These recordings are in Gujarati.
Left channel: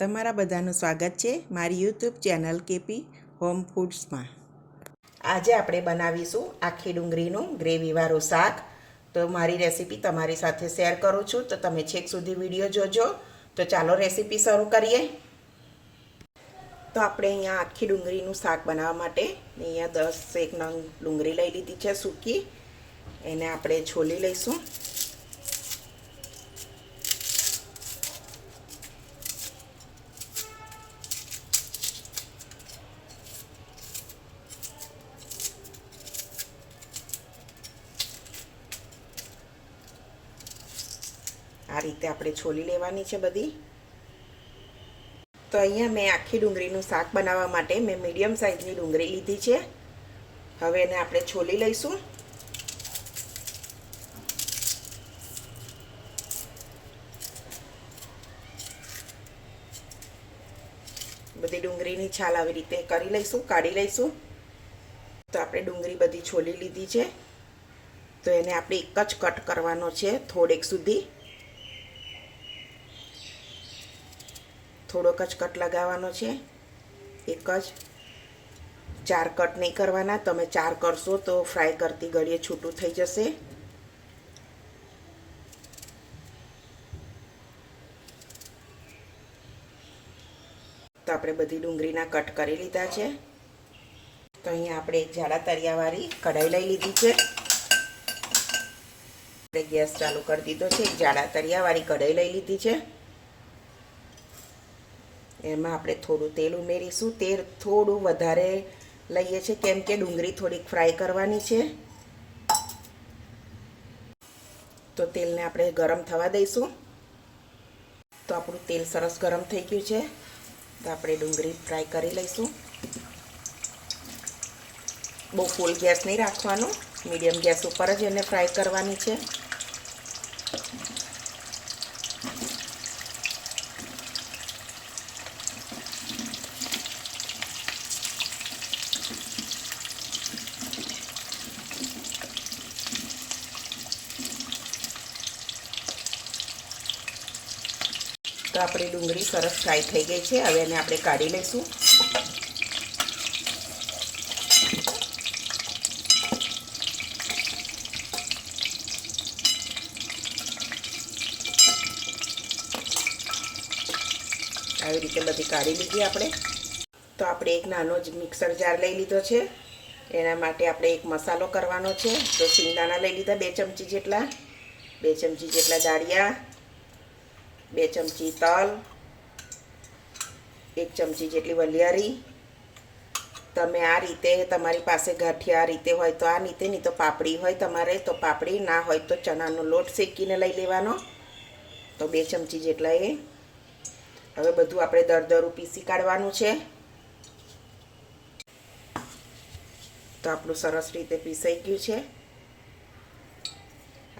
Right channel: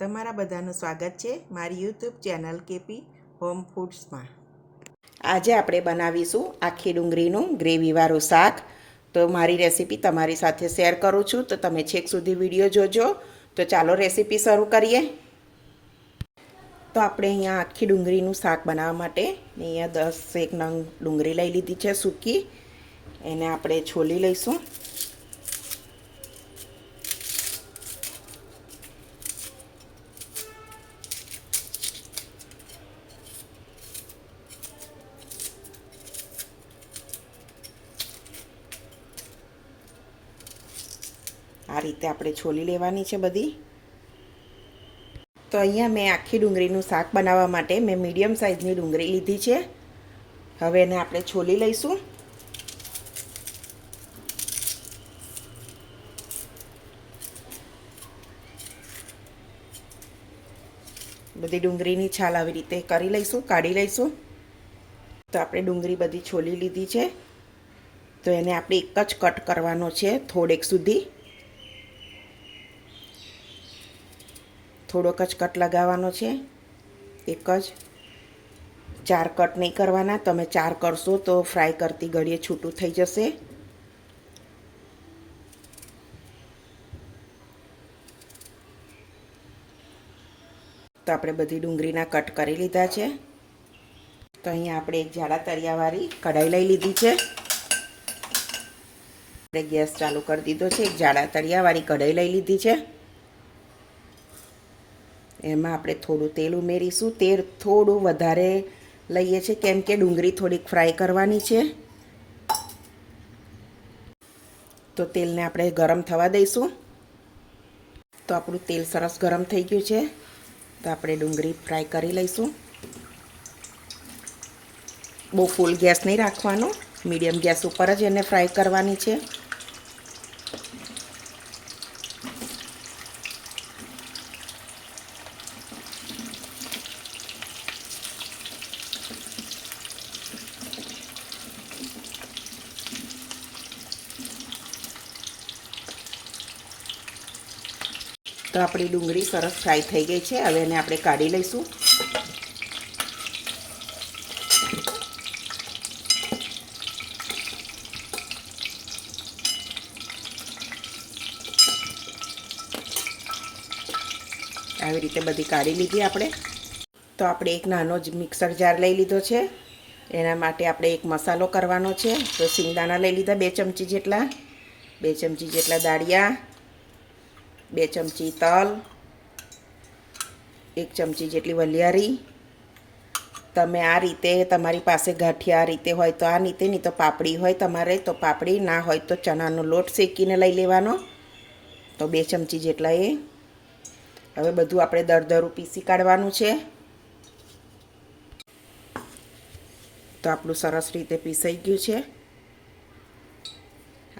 તમારા બધાનું સ્વાગત છે મારી યુટ્યુબ ચેનલ કેપી હોમ ફૂડ્સમાં। આજે આપણે બનાવીશું આખી ડુંગળીનું ગ્રેવીવાળું શાક। તો મારી રેસીપી તમારી સાથે શેર કરું છું, તો તમે છેક સુધી વિડીયો જોજો। તો ચાલો રેસીપી શરૂ કરીએ। તો આપણે અહીંયા આખી ડુંગળીનું શાક બનાવવા માટે અહીંયા 10 નંગ ડુંગળી લઈ લીધી છે સૂકી। એને આપણે છોલી લઈશું। આ રીતે આપણે છોલી લેવાની છે બધી। તો અહીંયા મેં આખી ડુંગળીનું શાક બનાવવા માટે મેં મીડિયમ સાઇઝની ડુંગળી લીધી છે। હવે એને આપણે છોલી લઈશું। બધી ડુંગળીની છાલ આવી રીતે કરી લઈશું, કાઢી લઈશું। તો આપણે ડુંગળી બધી છોલી લીધી છે। તો એને આપણે એક જ કટ કરવાનો છે, થોડેક સુધી થોડોક જ કટ લગાવવાનો છે। એક જ, 4 કટ નહીં કરવાના। તમે 4 કરશો તો ફ્રાય કરતી ઘડીએ છૂટું થઈ જશે। તો આપણે બધી ડુંગળીના કટ કરી લીધા છે। તો અહીંયા આપણે એક જાડા તળિયાવાળી કઢાઈ લઈ લીધી છે। આપણે ગેસ ચાલુ કરી દીધો છે। એક જાડા તળિયાવાળી કઢાઈ લઈ લીધી છે। એમાં આપણે થોડું તેલ ઉમેરીશું। તેલ થોડું વધારે લઈએ છીએ કેમ કે ડુંગળી થોડીક ફ્રાય કરવાની છે। તો તેલને આપણે ગરમ થવા દઈશું। તો આપણું તેલ સરસ ગરમ થઈ ગયું છે। તો આપણે ડુંગળી ફ્રાય કરી લઈશું। બહુ ફૂલ ગેસ નહીં રાખવાનો, મીડિયમ ગેસ ઉપર જ એને ફ્રાય કરવાની છે। તો આપણી ડુંગળી સરસ ફ્રાય થઈ ગઈ છે। હવે એને આપણે કાઢી લઈશું। આવી રીતે બધી કાઢી લીધી આપણે। તો આપણે એક નાનો જ મિક્સર જાર લઈ લીધો છે। એના માટે આપણે એક મસાલો કરવાનો છે। તો સિંગદાણા લઈ લીધા 2 ચમચી જેટલા, 2 ચમચી જેટલા દાળિયા, 2 ચમચી તલ, 1 ચમચી જેટલી વલિયારી। તમે આ રીતે, તમારી પાસે ગાંઠિયા આ રીતે હોય તો આ રીતે, નહીં તો પાપડી હોય તમારે તો પાપડી, ના હોય તો ચણાનો લોટ શેકીને લઈ લેવાનો। તો 2 ચમચી જેટલા એ। હવે બધું આપણે દરદરું પીસી કાઢવાનું છે। તો આપણું સરસ રીતે પીસાઈ ગયું છે।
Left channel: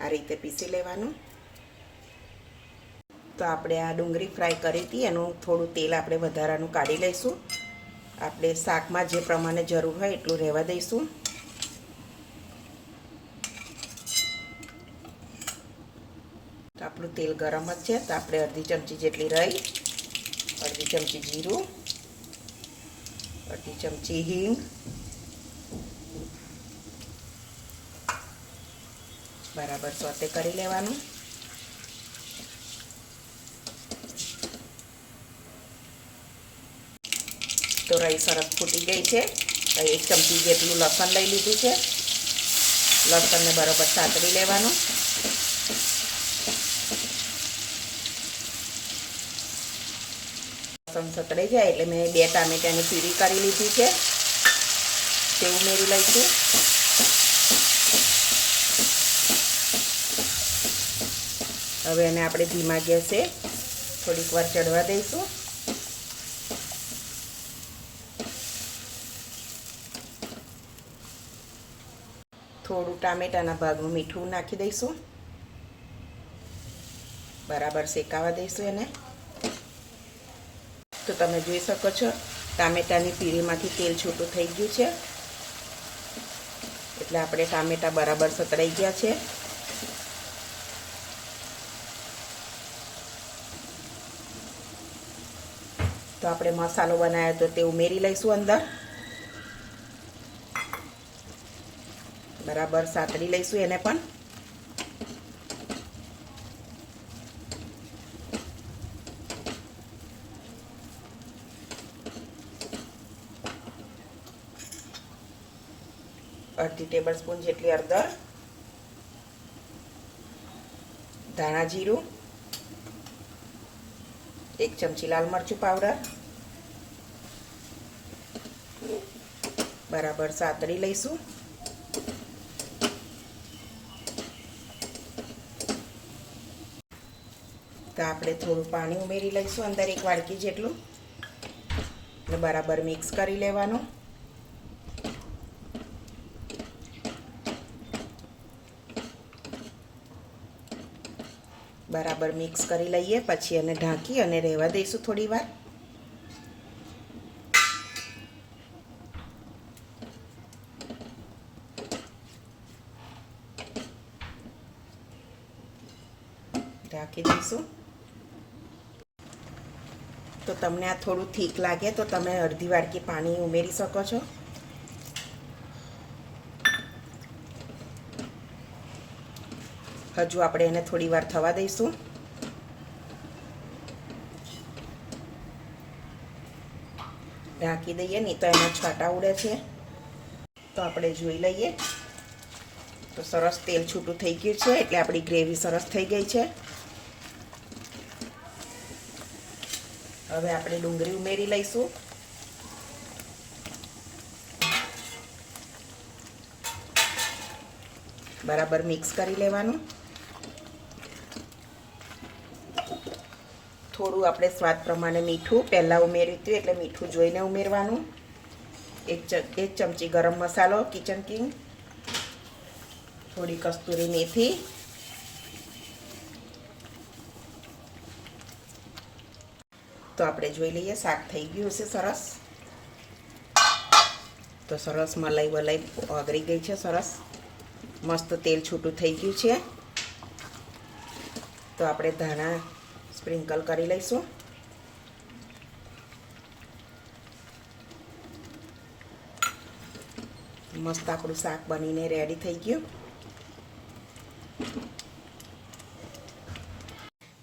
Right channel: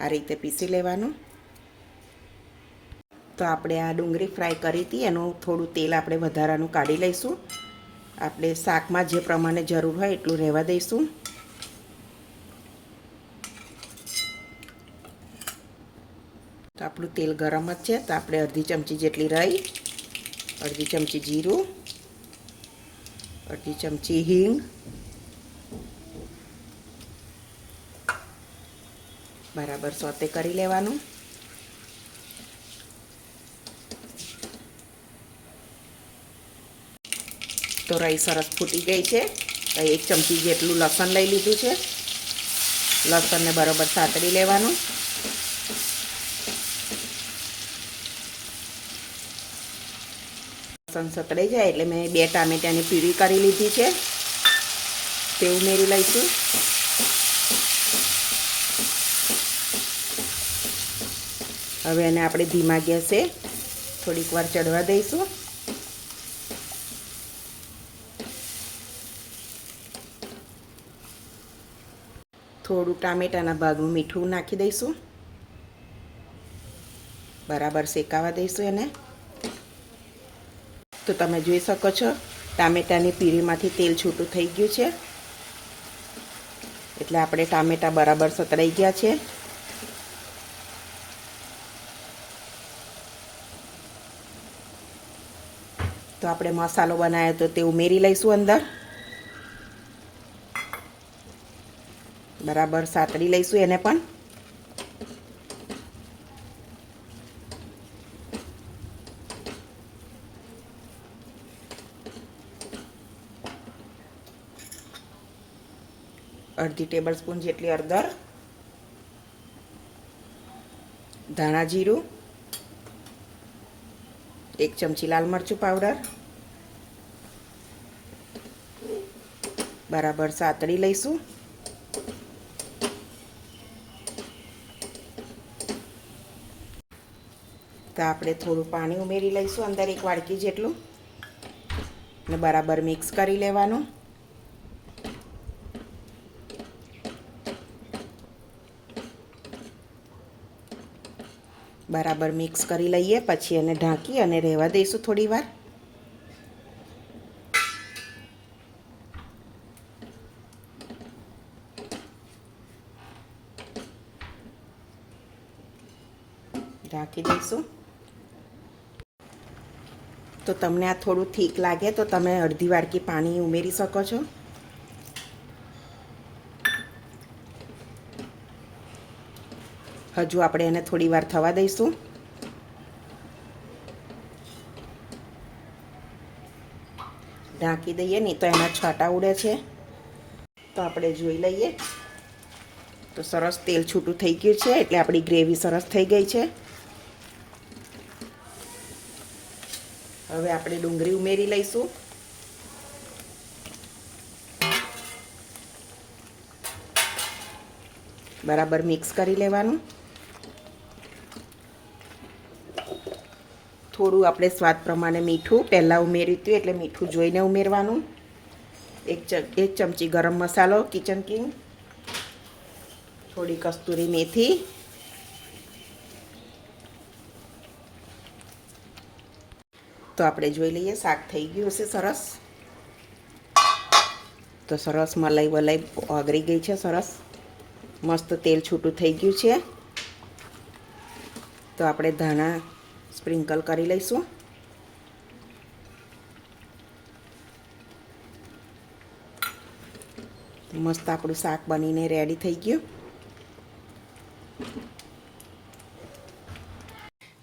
આ રીતે પીસી લેવાનું। તો આપણે આ ડુંગળી ફ્રાય કરી હતી એનું થોડું તેલ આપણે વધારાનું કાઢી લઈશું। આપણે શાકમાં જે પ્રમાણે જરૂર હોય એટલું રહેવા દઈશું। તો આપણું તેલ ગરમ જ છે। તો આપણે અડધી ચમચી જેટલી રાઈ, અડધી ચમચી જીરું, અડધી ચમચી હિંગ, બરાબર સોતે કરી લેવાનું। તો રાઈ સરસ ફૂટી ગઈ છે। તો 1 ચમચી જેટલું લસણ લઈ લીધું છે। લસણને બરાબર સાતળી લેવાનું। લસણ સતળાઈ જાય એટલે મેં 2 ટામેટાની પ્યુરી કરી લીધી છે, તે ઉમેરી લઈશું। હવે એને આપણે ધીમા ગેસે થોડીક વાર ચડવા દઈશું। થોડું ટામેટાના ભાગનું મીઠું નાખી દઈશું, બરાબર શેકાવા દઈશું એને। તો તમે જોઈ શકો છો ટામેટાની પ્યુરીમાંથી તેલ છૂટું થઈ ગયું છે। એટલે આપણે ટામેટા બરાબર સતળાઈ ગયા છે। તો આપણે મસાલો બનાવ્યો તો તે ઉમેરી લઈશું અંદર. બરાબર સાતળી લઈશું એને પણ. અડધી ટેબલ સ્પૂન જેટલી હળદર, ધાણા જીરું, 1 ચમચી લાલ મરચું પાવડર, બરાબર સાતળી લઈશું. તો આપણે થોડું પાણી ઉમેરી લઈશું અંદર 1 વાડકી જેટલું અને બરાબર મિક્સ કરી લેવાનું. બરાબર મિક્સ કરી લઈએ પછી એને ઢાંકી અને રહેવા દઈશું થોડી વાર. ઢાંકી દઈશું. તો તમને આ થોડું ઠીક લાગે તો તમે અડધી વાડકી પાણી ઉમેરી શકો છો. હજુ આપણે એને થોડી વાર થવા દઈશું. ઢાંકી દઈએ, નહીં તો એના છાંટા ઉડે છે. તો આપણે જોઈ લઈએ તો સરસ તેલ છૂટું થઈ ગયું છે, એટલે આપણી ગ્રેવી સરસ થઈ ગઈ છે. હવે આપણે ડુંગળી ઉમેરી લઈશું. બરાબર મિક્સ કરી લેવાનું. થોડું આપણે સ્વાદ પ્રમાણે મીઠું પહેલાં ઉમેર્યું હતું એટલે મીઠું જોઈને ઉમેરવાનું. એક ચમચી ગરમ મસાલો કિચન કિંગ, થોડી કસ્તુરી મેથી, તો આપણે જોઈ લઈએ શાક થઈ ગયું હશે સરસ. તો સરસ મલાઈ વલાઈ ઓગળી ગઈ છે, સરસ મસ્ત તેલ છૂટું થઈ ગયું છે. તો આપણે ધાણા સ્પ્રિંકલ કરી લઈશું. મસ્ત આપણું શાક બનીને રેડી થઈ ગયું.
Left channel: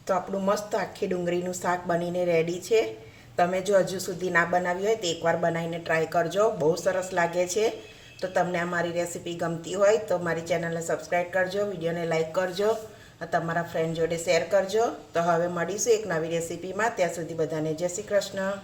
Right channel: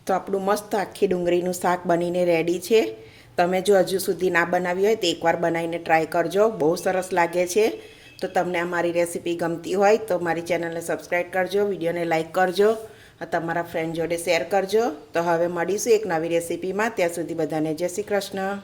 તો આપણું મસ્ત આખી ડુંગળીનું શાક બનીને રેડી છે. તમે જો હજુ સુધી ના બનાવી હોય તો એકવાર બનાવીને ટ્રાય કરજો, બહુ સરસ લાગે છે. તો તમને આ મારી રેસીપી ગમતી હોય તો મારી ચેનલને સબસ્ક્રાઈબ કરજો, વિડીયોને લાઈક કરજો, તમારા ફ્રેન્ડ જોડે શેર કરજો. તો હવે મળીશું એક નવી રેસીપીમાં. ત્યાં સુધી બધાને જય શ્રી કૃષ્ણ.